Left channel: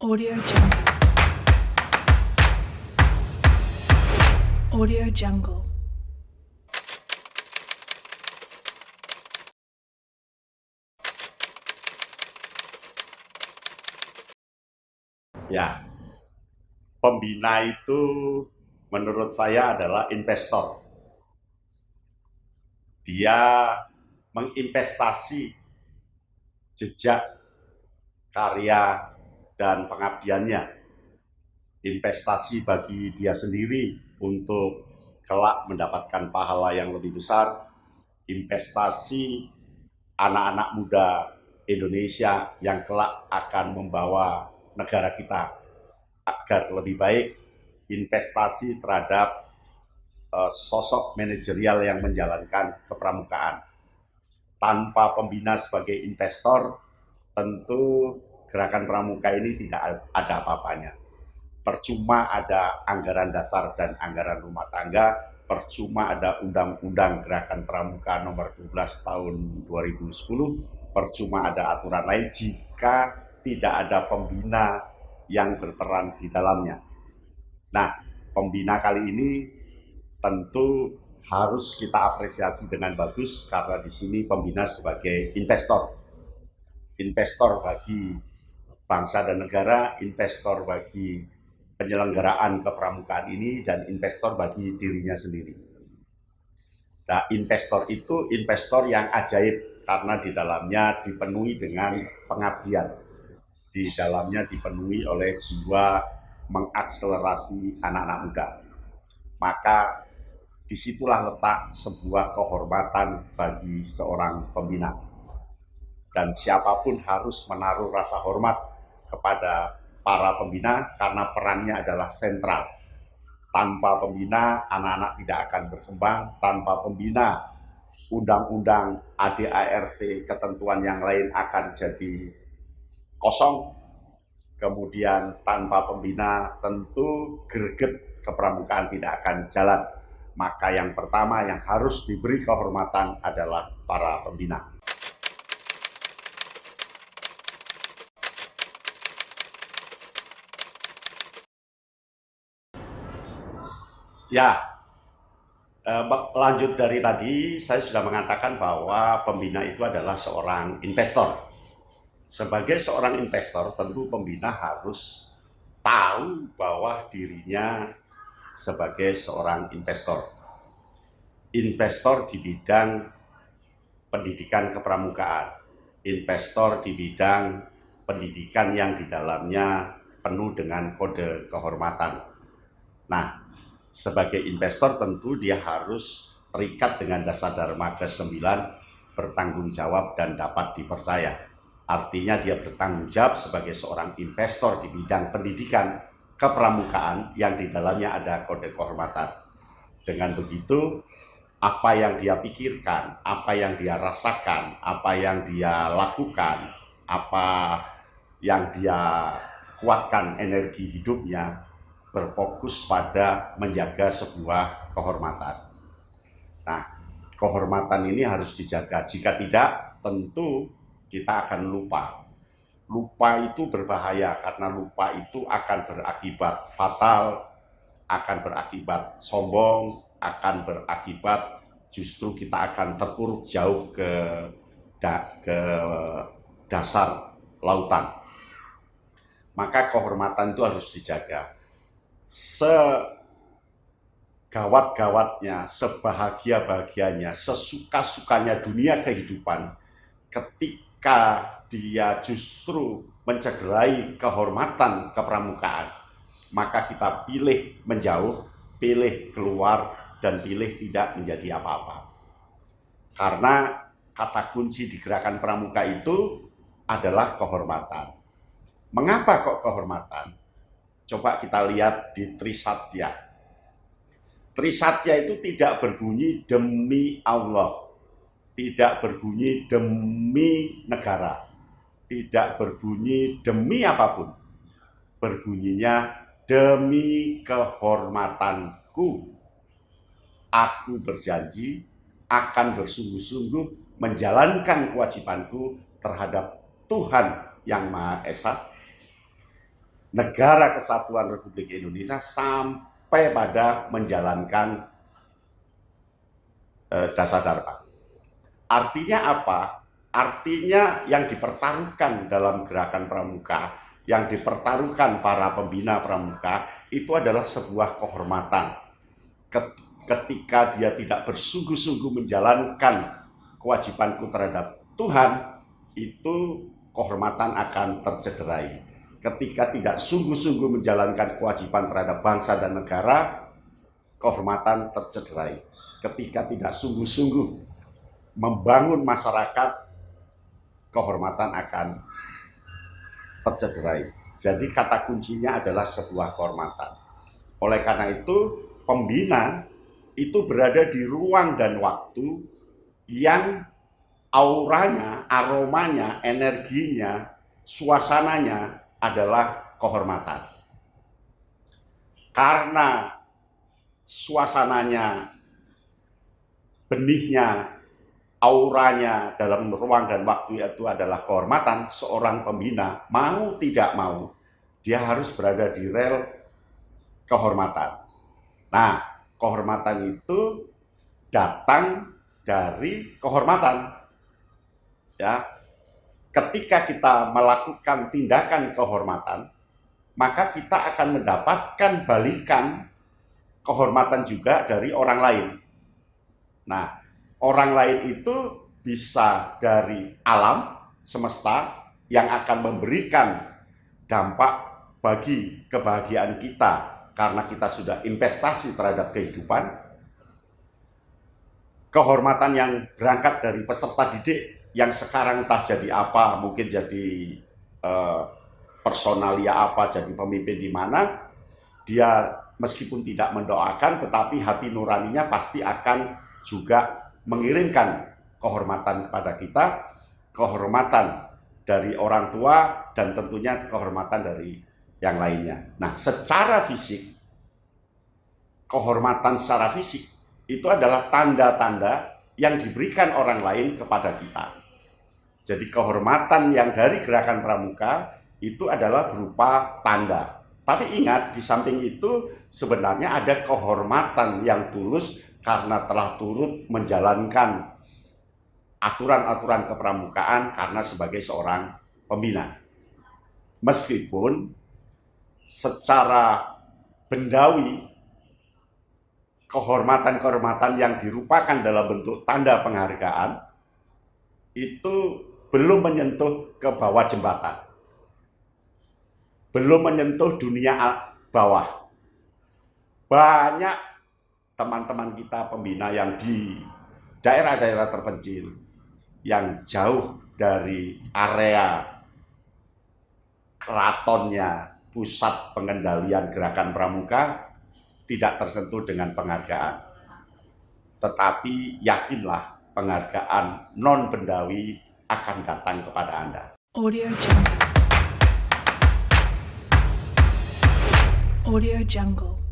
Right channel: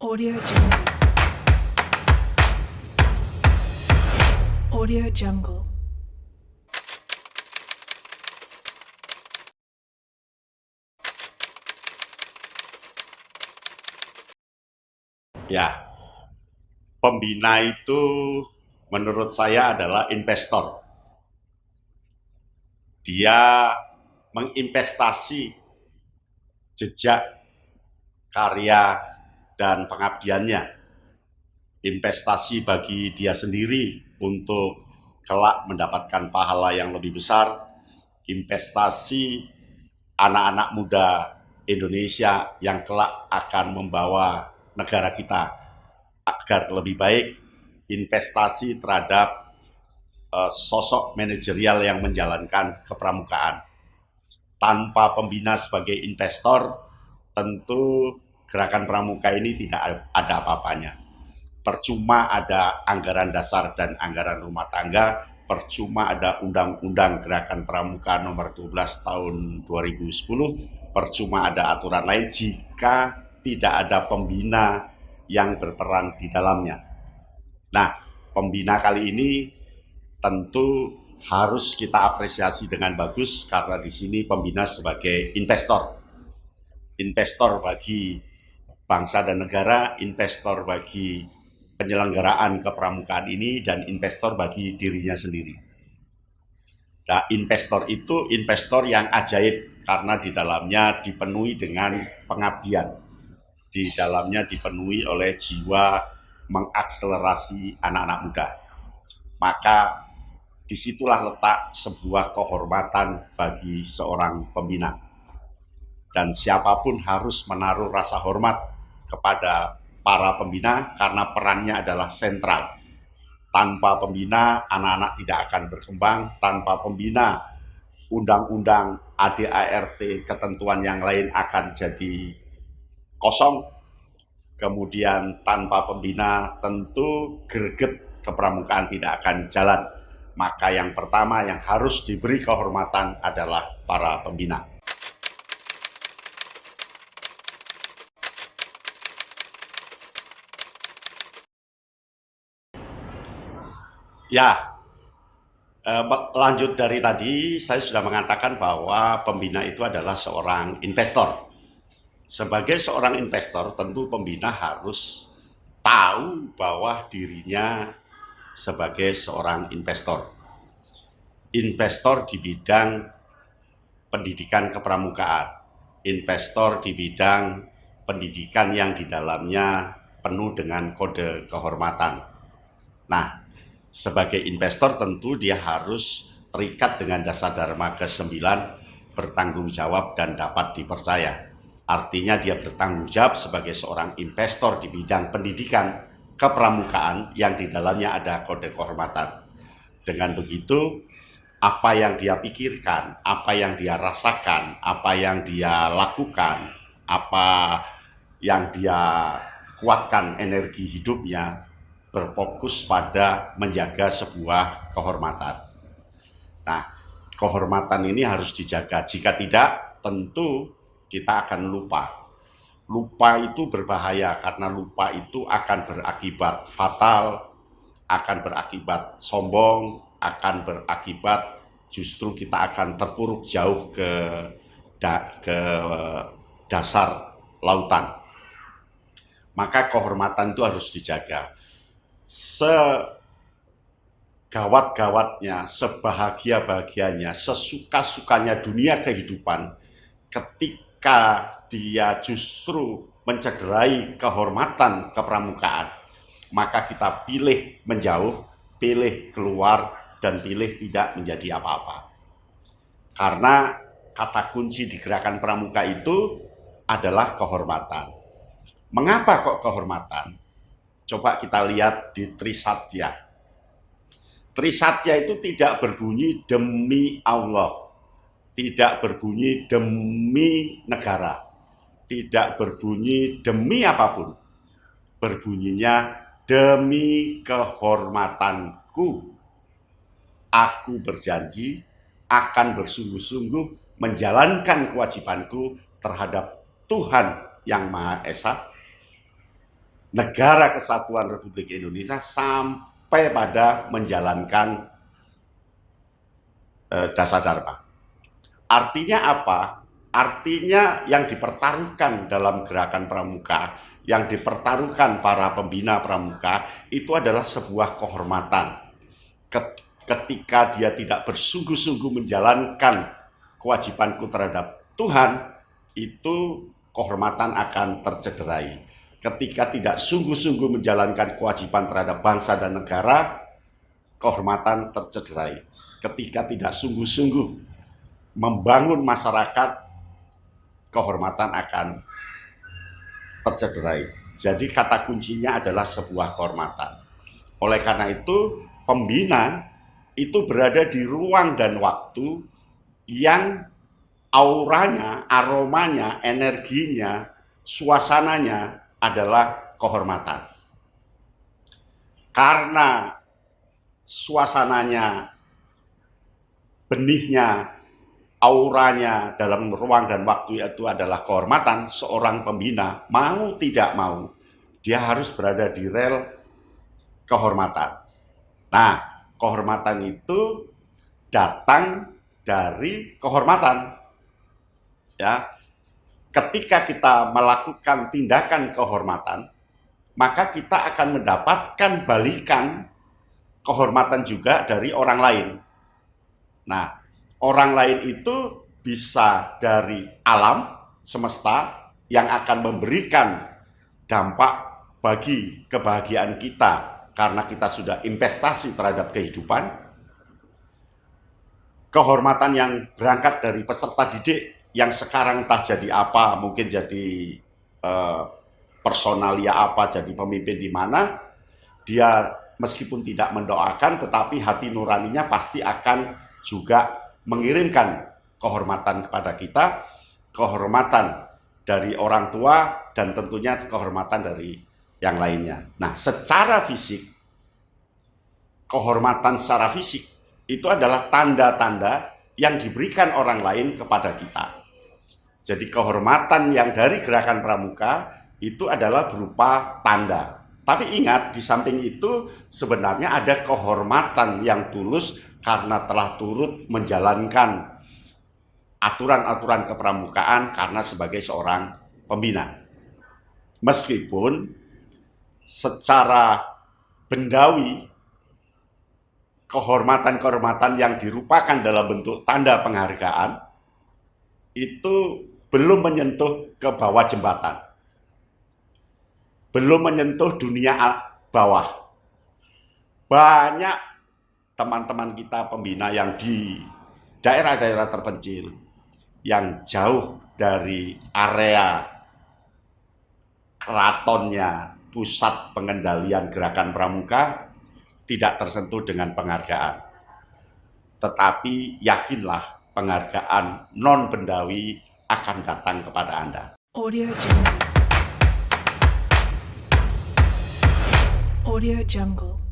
Audio Jungle. Audio Jungle. Ya, pembina itu menurut saya adalah investor. Dia menginvestasi jejak, karya, dan pengabdiannya. Investasi bagi dia sendiri untuk kelak mendapatkan pahala yang lebih besar. Investasi anak-anak muda Indonesia yang kelak akan membawa negara kita agar lebih baik. Investasi terhadap sosok manajerial yang menjalankan kepramukaan. Tanpa pembina sebagai investor, tentu gerakan pramuka ini tidak ada apa-apanya. Percuma ada anggaran dasar dan anggaran rumah tangga, percuma ada Undang-Undang Gerakan Pramuka nomor 12 tahun 2010, percuma ada aturan lain jika tidak ada pembina yang berperan di dalamnya. Nah, pembina kali ini tentu harus kita apresiasi dengan bagus karena di sini pembina sebagai investor. Investor bagi bangsa dan negara, investor bagi penyelenggaraan kepramukaan ini, dan investor bagi dirinya sendiri. Nah, investor itu investor yang ajaib karena di dalamnya dipenuhi dengan pengabdian. Di dalamnya dipenuhi oleh jiwa mengakselerasi anak-anak muda. Maka disitulah letak sebuah kehormatan bagi seorang pembina. Dan siapapun harus menaruh rasa hormat kepada para pembina karena perannya adalah sentral. Tanpa pembina, anak-anak tidak akan berkembang. Tanpa pembina, undang-undang ADART, ketentuan yang lain akan jadi kosong. Kemudian tanpa pembina, tentu greget kepramukaan tidak akan jalan. Maka yang pertama yang harus diberi kehormatan adalah para pembina. Ya, lanjut dari tadi, saya sudah mengatakan bahwa pembina itu adalah seorang investor. Sebagai seorang investor, tentu pembina harus tahu bahwa dirinya sebagai seorang investor. Investor di bidang pendidikan kepramukaan, investor di bidang pendidikan yang di dalamnya penuh dengan kode kehormatan. Nah, sebagai investor tentu dia harus terikat dengan dasar Dharma ke-9, bertanggung jawab dan dapat dipercaya. Artinya dia bertanggung jawab sebagai seorang investor di bidang pendidikan kepramukaan yang di dalamnya ada kode kehormatan. Dengan begitu, apa yang dia pikirkan, apa yang dia rasakan, apa yang dia lakukan, apa yang dia kuatkan energi hidupnya berfokus pada menjaga sebuah kehormatan. Nah, kehormatan ini harus dijaga. Jika tidak, tentu kita akan lupa. Lupa itu berbahaya karena lupa itu akan berakibat fatal, akan berakibat sombong, akan berakibat justru kita akan terpuruk jauh ke dasar lautan. Maka kehormatan itu harus dijaga. Segawat-gawatnya, sebahagia-bahagianya, sesuka-sukanya dunia kehidupan, ketika dia justru mencederai kehormatan kepramukaan, maka kita pilih menjauh, pilih keluar, dan pilih tidak menjadi apa-apa. Karena kata kunci di gerakan pramuka itu adalah kehormatan. Mengapa kok kehormatan? Coba kita lihat di Trisatya. Trisatya itu tidak berbunyi demi Allah, tidak berbunyi demi negara, tidak berbunyi demi apapun. Berbunyinya demi kehormatanku. Aku berjanji akan bersungguh-sungguh menjalankan kewajibanku terhadap Tuhan Yang Maha Esa, Negara Kesatuan Republik Indonesia sampai pada menjalankan Dasar Dharma. Artinya apa? Artinya yang dipertaruhkan dalam gerakan pramuka, yang dipertaruhkan para pembina pramuka, itu adalah sebuah kehormatan. Ketika dia tidak bersungguh-sungguh menjalankan kewajibanku terhadap Tuhan, itu kehormatan akan tercederai. Ketika tidak sungguh-sungguh menjalankan kewajiban terhadap bangsa dan negara, kehormatan tercederai. Ketika tidak sungguh-sungguh membangun masyarakat, kehormatan akan tercederai. Jadi kata kuncinya adalah sebuah kehormatan. Oleh karena itu, pembina itu berada di ruang dan waktu yang auranya, aromanya, energinya, suasananya adalah kehormatan. Karena suasananya, benihnya, auranya dalam ruang dan waktu itu adalah kehormatan, seorang pembina mau tidak mau dia harus berada di rel kehormatan. Nah, kehormatan itu datang dari kehormatan. Ya, ketika kita melakukan tindakan kehormatan, maka kita akan mendapatkan balikan kehormatan juga dari orang lain. Nah, orang lain itu bisa dari alam semesta yang akan memberikan dampak bagi kebahagiaan kita karena kita sudah investasi terhadap kehidupan. Kehormatan yang berangkat dari peserta didik yang sekarang entah jadi apa, mungkin jadi personalia apa, jadi pemimpin di mana, dia meskipun tidak mendoakan tetapi hati nuraninya pasti akan juga mengirimkan kehormatan kepada kita, kehormatan dari orang tua, dan tentunya kehormatan dari yang lainnya. Nah, secara fisik, kehormatan secara fisik itu adalah tanda-tanda yang diberikan orang lain kepada kita. Jadi kehormatan yang dari gerakan pramuka itu adalah berupa tanda. Tapi ingat, di samping itu sebenarnya ada kehormatan yang tulus karena telah turut menjalankan aturan-aturan kepramukaan karena sebagai seorang pembina. Meskipun secara bendawi kehormatan-kehormatan yang dirupakan dalam bentuk tanda penghargaan itu belum menyentuh ke bawah jembatan, belum menyentuh dunia bawah. Banyak teman-teman kita pembina yang di daerah-daerah terpencil, yang jauh dari area keratonnya, pusat pengendalian gerakan pramuka, tidak tersentuh dengan penghargaan. Tetapi yakinlah, penghargaan non-bendawi akan datang kepada Anda. Audio Jungle. Audio Jungle.